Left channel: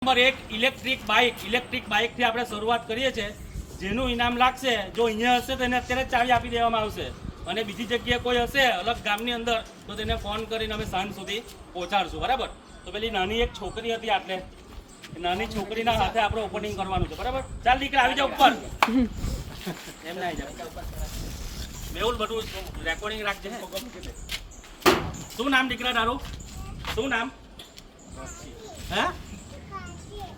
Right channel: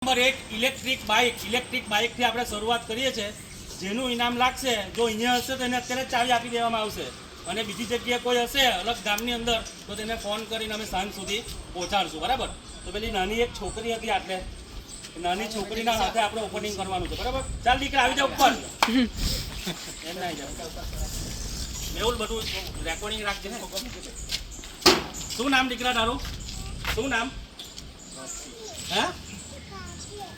Number 1 electric બાઇકથી આપણે શરૂઆત કરીએ છીએ, જેનું ઇનામ લાગશે. જો અહીંયા હશે તો એને અત્યારે ચાવી આપી દેવામાં આવશે, અને બીજી જગ્યાએ કોઈ હશે અલગ ગામની અંદર તો તેને ફોન કરીને અમે સાંજ સુધી પહોંચાડશું. બરાબર? તો પેલી નાની એક છોકરી હતી, આટલે નાની છોકરીના હાથે આપણે ઓપનિંગ કરવાનું છે. બરાબર? ચાલ દીકરા આવી જાવ ઉપર. એમ ના આવી જાવ મેહુલ, બધું રેકોર્ડિંગ રાખજે. શું નામ દીકરા તારું? શું નામ? હે?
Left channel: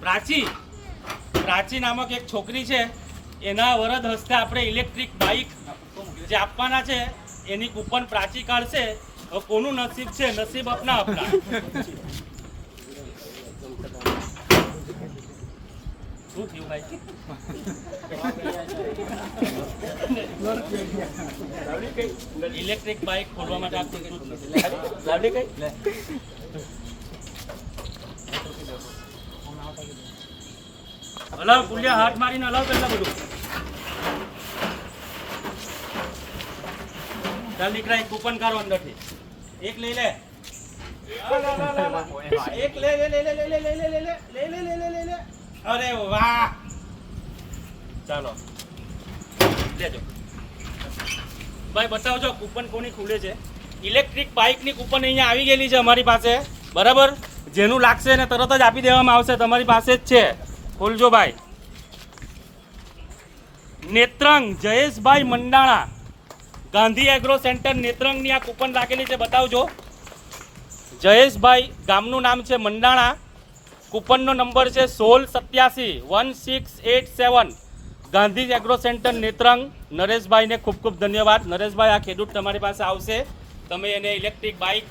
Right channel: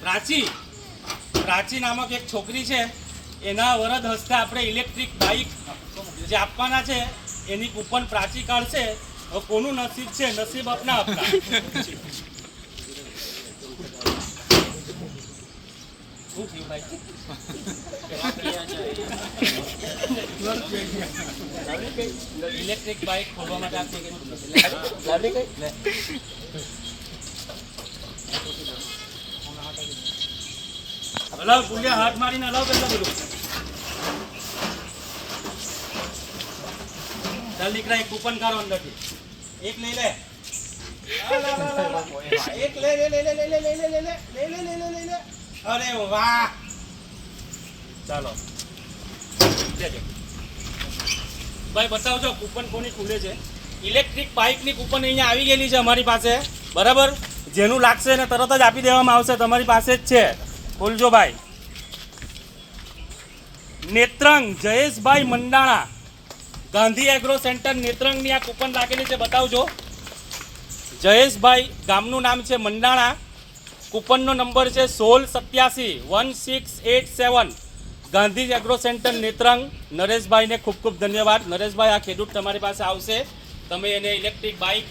પ્રાચી નામક એક છોકરી છે, એના વરદ હસ્તે આપણે ઇલેક્ટ્રિક બાઇક જે આપવાના છે એની કૂપન પ્રાચી કાઢશે. હવે કોનું નસીબ છે? નસીબ અપના. શું થયું ભાઈ? ઇલેક્ટ્રિક બાઇક ખોલવા માટે આ લાવડી કઈ હલાવ ગુલિયા, હાથ મારીને હલાવ પેલા બધું. ચાલ દીકરા, એક કૂપન કાઢો અંદરથી. એક લઈ લે. એક લે. અરે વાહ, ચાલો લેજો ભાઈ. બતાવજો કૂપન કોની ખુલે છે. ઇલેક્ટ્રિક બાઇકની કૂપન અહીંયા આવી ગયેલી છે અમારી પાસે. બરાબર? જેનું લાગશે એને તરત જ આપી દેવામાં આવશે. તમારી પાસે જ છે. ખોલજો ભાઈ. નેત્રંગ જયેશભાઈ મંડાણા, ગાંધી એગ્રો સેન્ટર નેત્રંગની આ કૂપન લાગેલી છે. બતાવજો. જયેશભાઈ, ગામનું નામ છે મંડાણા. કૂપનનો નંબર છે 16871687. Gandhi agro centre Netrang. નરેશભાઈને ખૂબ ખૂબ ધન્યવાદ. નરેશભાઈ, આ ખેડૂત તમારી પાસે આવશે, તમે એને ઇલેક્ટ્રિક બાઇક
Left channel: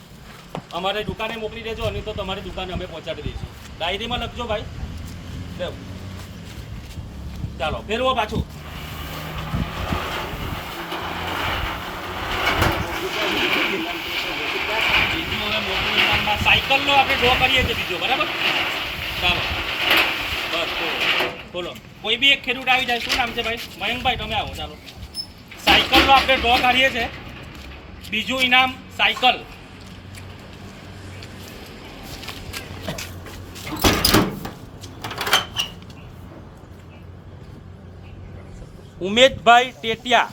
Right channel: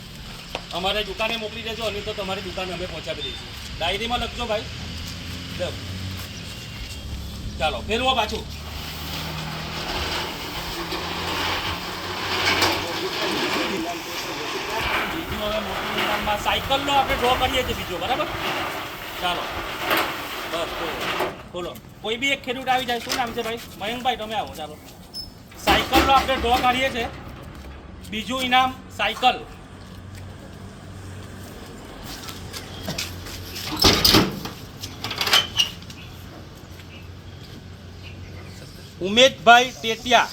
અમારે દુકાને મોકલી દેજો, અને તો તમારી દુકાને અમે પહોંચાડી દઈશું. ડાયરીમાં લખજો ભાઈ. ચાલો ફેરવો પાછું. સાયકલનો આપણે ડ્રો કરીએ છીએ બીજો. બરાબર? ચાલો બસ બોલો. કોઈ બી એક ખેડૂત આવી જાય. શું નામ છે ભાઈ? મયંકભાઈ, તમે આવો. ચાલો, સાયકલનો આપણે ડ્રો કાઢીએ છીએ. બીજું ઇનામ સાયકલ. ઉમેશભાઈ ટેટિયા,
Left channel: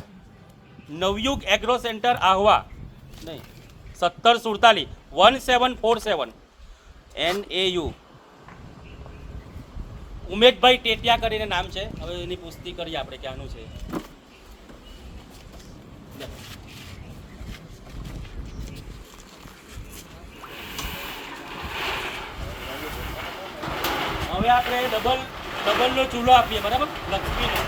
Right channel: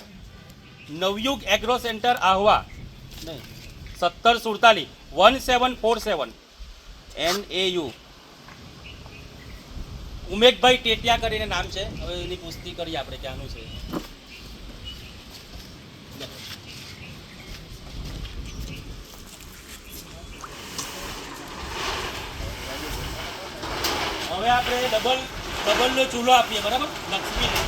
નવયુગ એગ્રો સેન્ટર આહવા, નહીં 1747 1747 NAU. ઉમેશભાઈ ટેટિયા કરીને નામ છે. હવે એની પુષ્ટિ કરીએ આપણે ક્યાંનું છે. હવે આપણે ડબલનો ચૂલો આપીએ. બરાબર? લક્ષ્મીને.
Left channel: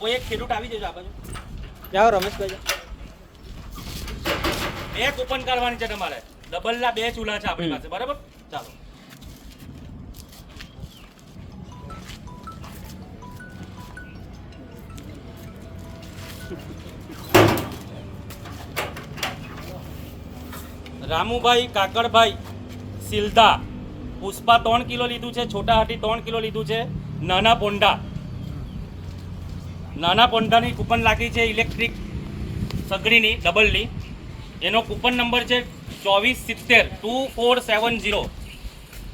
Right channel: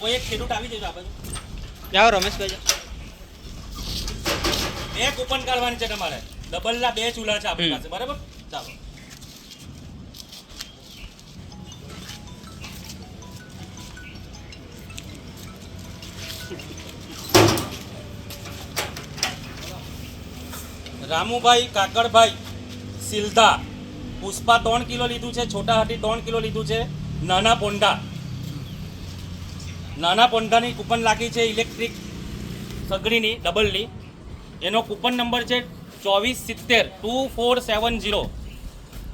કોઈ એક ખેડૂત આવી જજો આ બાજુ. જાઓ રમેશભાઈ. બે કૂપન કાઢવાની છે તમારે. ડબલના 2 ચૂલા છે આપણી પાસે. બરાબર? ચાલો. રામુભાઈ કાકડભાઈ સિલધા, પુષ્પા 3 કિલો લીધું છે, છોટા હાથી 3 કિલો લીધું છે, નાના પોંડાની કૂપન લાગી છે ઇલેક્ટ્રિક સગડીની ડબલની. એનો કૂપન નંબર છે 24702470.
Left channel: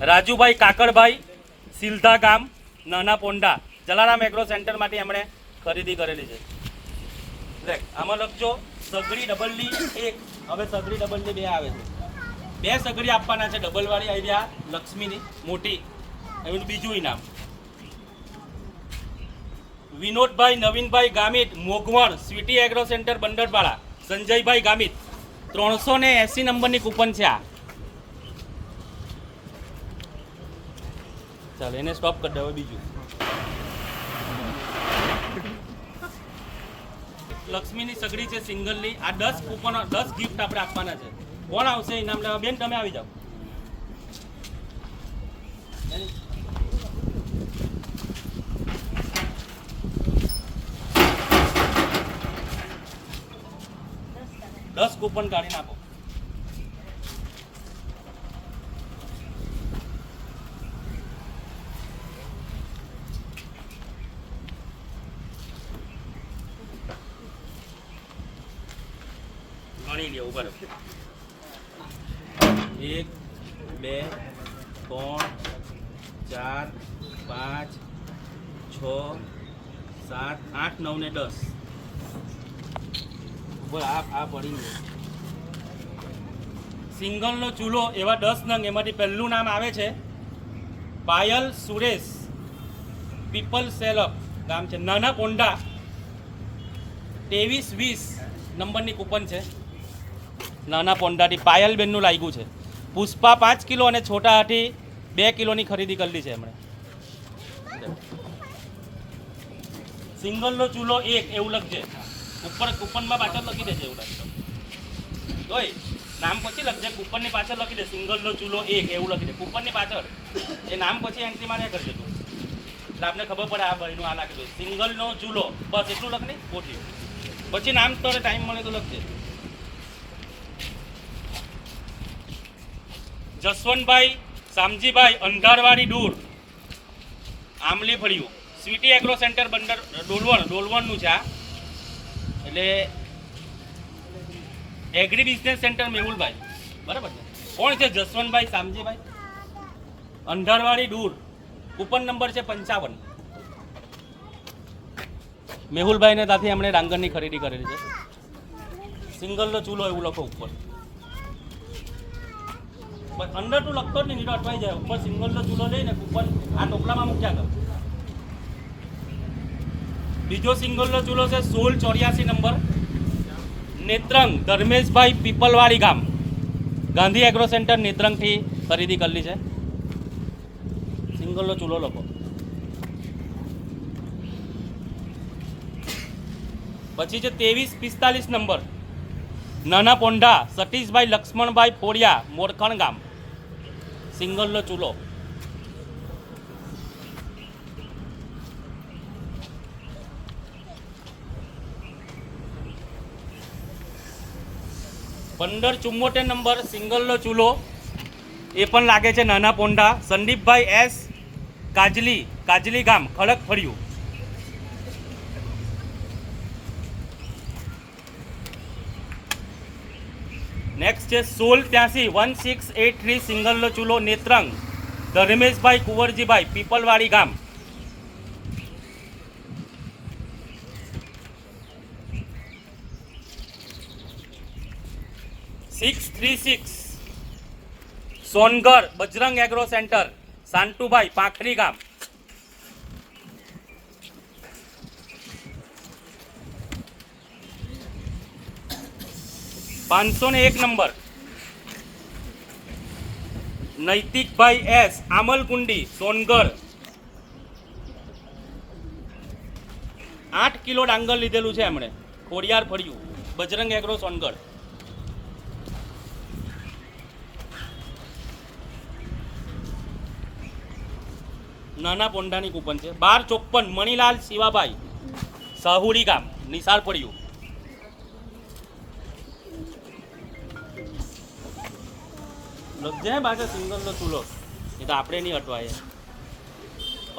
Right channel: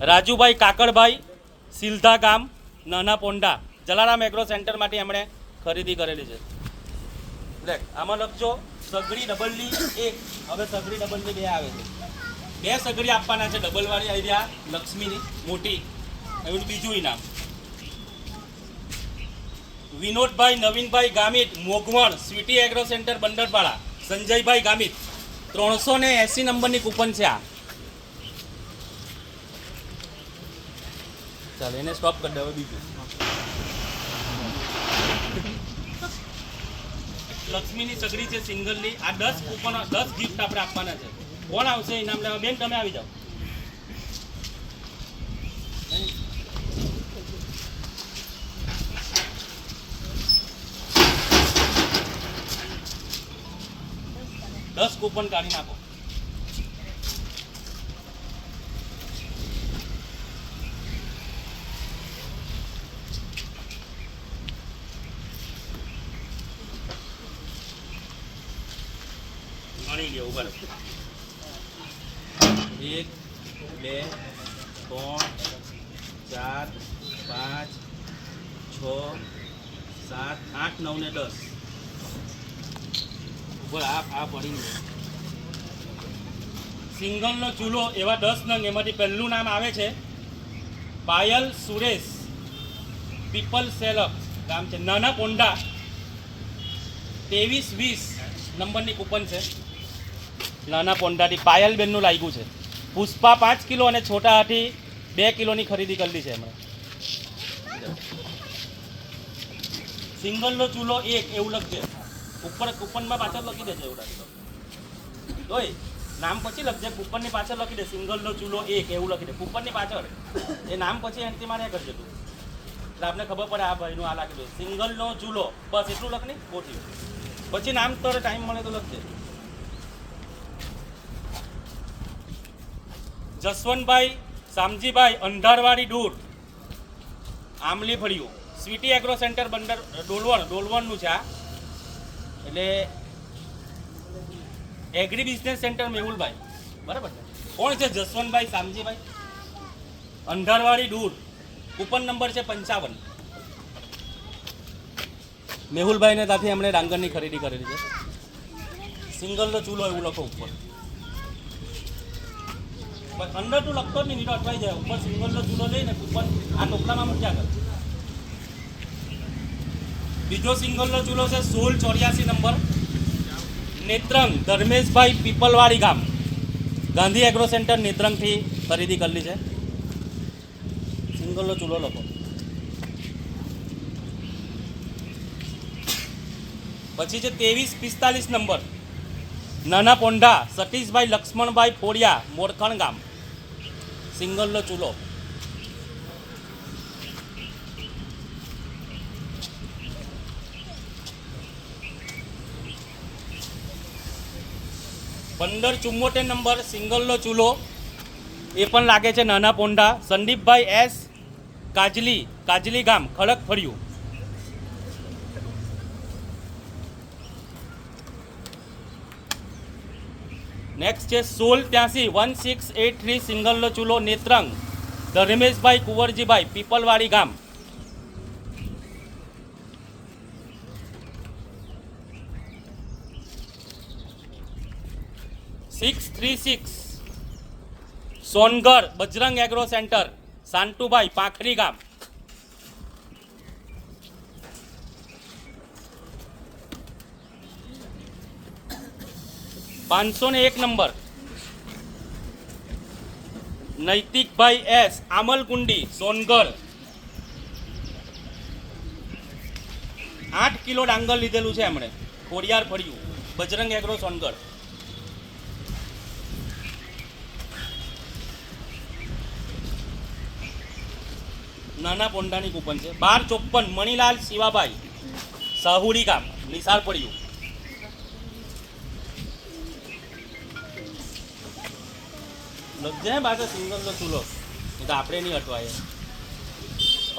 રાજુભાઈ કાકડભાઈ સિલધા ગામ, નાના પોંડા, જલારામ એગ્રો સેન્ટરમાંથી એમણે ખરીદી કરેલી છે. લે આમાં લખજો સગડી ડબલની 1. હવે સગડી ડબલની 2 આવે છે. 2 સગડી આપવાના છે ડબલવાળી. અહીંયા લક્ષ્મીની મોટી. એવું બીજું ઇનામ. Vinodbhai Navinbhai Gamit, Mogvan, sweety agro centre Bandarpada. Sanjaybhai Gamit, 380 નંબરની કૂપન છે આ. ચાલો એને સ્ટોપ કરી દે. હવે બીજું લક્ષ્મીની સગડી છે સિંગલની. આ 10 કૂપન 10 ગિફ્ટ આપણે આપવાના છે. કોણ આવશે ઇનામ લેવા? બેન તમે આવી જાઓ. દસ કૂપન કાઢી નાખો. ગણી લ્યો. ઉભા રહો. 1 2 3 4 5 6 7 8 9 ને 10 ઉપર આ પડી ગયું. સિંગલનો ચૂલો એવા 10 નંગ. એમાંથી પહેલું નામ આવે છે પાયલ સુરેશ, પીપલ સેલક, ગામ છે નાના પોંડા. 2320 નંબરની કૂપન છે. નાના પોંડાથી પાયલબેનનું લાગ્યું છે. પુષ્પા 5 કિલો અને છોટા હાથી 2 કિલોની ખરીદી કરેલી છે એમણે. સિંગલનો ચૂલો 1 એવું લખજે ઉપર. કૂપનમાં પાછળ લખી દેજે એવું લાગે જોઈ. નામ પછી લખજે, કૂપનની પાછળ લખી દે સિંગલનો ચૂલો 1 એવું લખી દે કૂપનની પાછળ. એ નામ પછી એન્ટ્રી માર્યા કરજે તું, એટલે આપણે ખબર પડે આ ભાઈનું આ લાગી દો સિંગલનો ચૂલો. બસ એટલું લખ નહીં ખોટી. પછી નામ તો ટાઈમ મળે તો લખજે. જસવંતભાઈ શામજીભાઈ અંધારવાડી દૂર, આમલી ફળિયું, સ્વીટી એગ્રો સેન્ટર બંદર ડોલવણનું છે આ. એટલે એગ્રી બિઝનેસ સેન્ટર મેહુલભાઈ, બરાબર છે. કોણ છે? જસવંતભાઈ શામજીભાઈ અંધારવાડી દૂર. કૂપન નંબર છે 55. મેહુલભાઈને ત્યાંથી એમણે ડાંગરની ખરીદી કરેલી છે. સિંગલનો ચૂલો એવું લખો ઉપર. અંદર તું લખતો જ નહીં, અટવાઈ જાય. ઉપર સિંગલનો ચૂલો લઈને કૂપન આ ટોપલામાં મૂક્યા કર. બીજો સિંગલનો ચૂલો છે 1684 નંબર, નેત્રંગ, ધર્મેશભાઈ, પીપલવાડી ગામ, ગાંધી એગ્રો સેન્ટર નેત્રંગથી ખરીદી કરેલી છે. સિંગલનો ચૂલો લખો. પછી છે 2345 નંબર, નાના પોંઢા, સતીશભાઈ લક્ષ્મણભાઈ ફોડિયા, મોરખણ ગામ, સિંગલનો ચૂલો. પંદર 74 નંબર, સિંગલનો ચૂલો. એ પણ લાગે છે નાના પોંઢા, સંદીપભાઈ એસ કાજલી ગામ, ખડક ફળિયું. નેક્સ્ટ છે 1683 સિંગલનો ચૂલો, નેત્રંગ, ધર્મેશભાઈ કુંવરજીભાઈ, પીપલવાડી ગામ. $636 સોનગઢ, બજરંગ એગ્રો સેન્ટર, સાંતુભાઈ, પાંખરી ગામ. $501 નંબર, નૈતિકભાઈ એસ, આમલકુંડી, સોનગઢ. 8 કિલો ડાંગર લીધેલું છે એમણે, ખોડિયાર ફળિયું, બજરંગ એગ્રો સોનગઢ. નાના પોંડાની કૂપન છે. 1254 મણીલાલ શિવાભાઈ, સાહુડી ગામ, નિશાળ પડ્યું. લખજે પાછા સિંગલનો ચૂલો, એ તો આપણે નહીં અટવાય.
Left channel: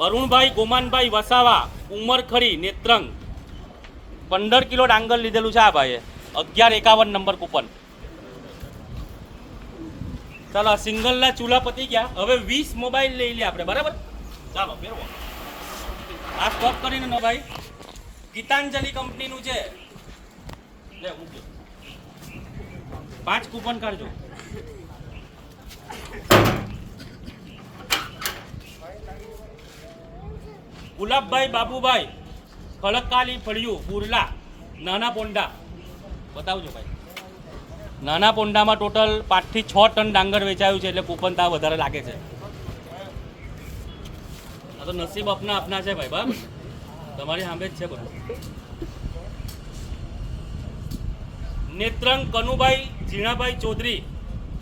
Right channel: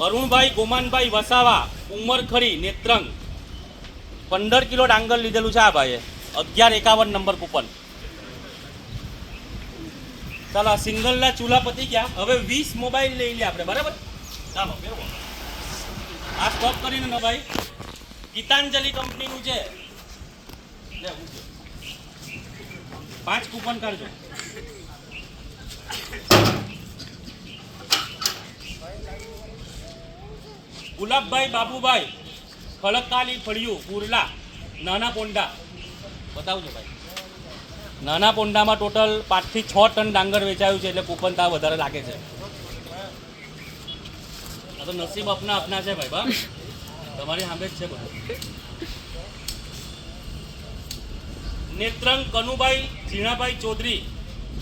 અરુણભાઈ ગોમાનભાઈ વસાવા, ઉમરખરી, નેત્રંગ, 15 કિલો ડાંગર લીધેલું છે આ ભાઈએ. 1151 નંબર કૂપન. ચાલો આ સિંગલના ચૂલા પતી ગયા. હવે 20 મોબાઈલ લઈ લે આપણે, બરાબર? ચાલો ફેરવો. આ સ્ટોપ કરીને નો ભાઈ ગીતાંજલિ કંપનીનું છે. લે મૂકી 5 કૂપન કાઢજો. ગુલાબભાઈ બાબુભાઈ, ખડકાલી ફળિયું, બુરલા, નાના પોંડા. બતાવજો ભાઈ. નાના પોંડામાં ટોટલ 5 થી 6 ટન ડાંગર વેચાયું છે, એટલે કૂપન ત્યાં વધારે લાગે છે. આ તો નસીબ આપના છે ભાઈ. બાપ તમારી સામે જ છે બધું. નેત્રંગ કનુભાઈ ઝીણાભાઈ ચૌધરી,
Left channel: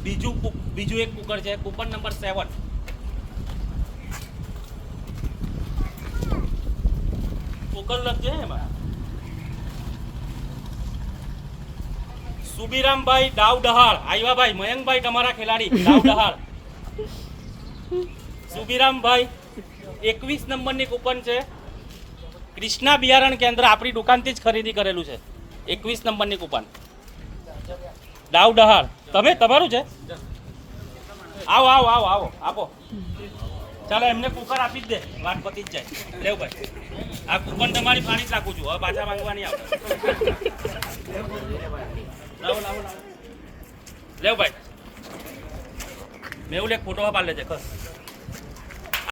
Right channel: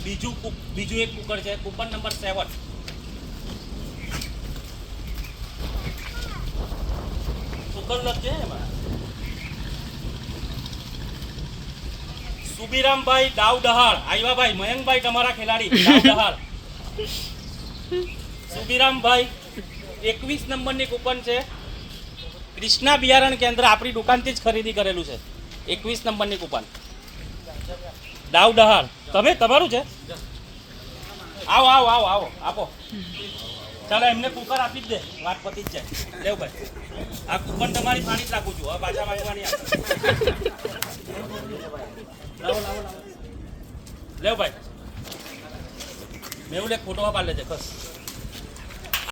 બીજું એક કુકર છે, કૂપન નંબર 7. કુકર લખજે એમાં. સુબીરામભાઈ ડાવડહાળ, આવ્યા ભાઈ. મયંકભાઈ તમારા ખેલાડી ડાવડહાળ. સુબીરામભાઈ 21 નંબરની કૂપન છે. કૃષ્ણા બિયારણ કેન્દ્ર, આપણી દુકાનથી જ ખરીદી કરેલું છે. 21 નંબરની કૂપન. દાવ દહાલ તમે તમારું છે આવો આવો આવો આવો આપો ચાલો એમને કુકર આપી જ દે વાત પતી જ જાય લેવ ભાઈ આ કુકર તમારી પાણી જ નાખું છું હવે પાછા માંગવાની આપણે લાવો લાવો લાવો લેવ ભાઈ મેં એક ફોટો પાડ લેજે ખસ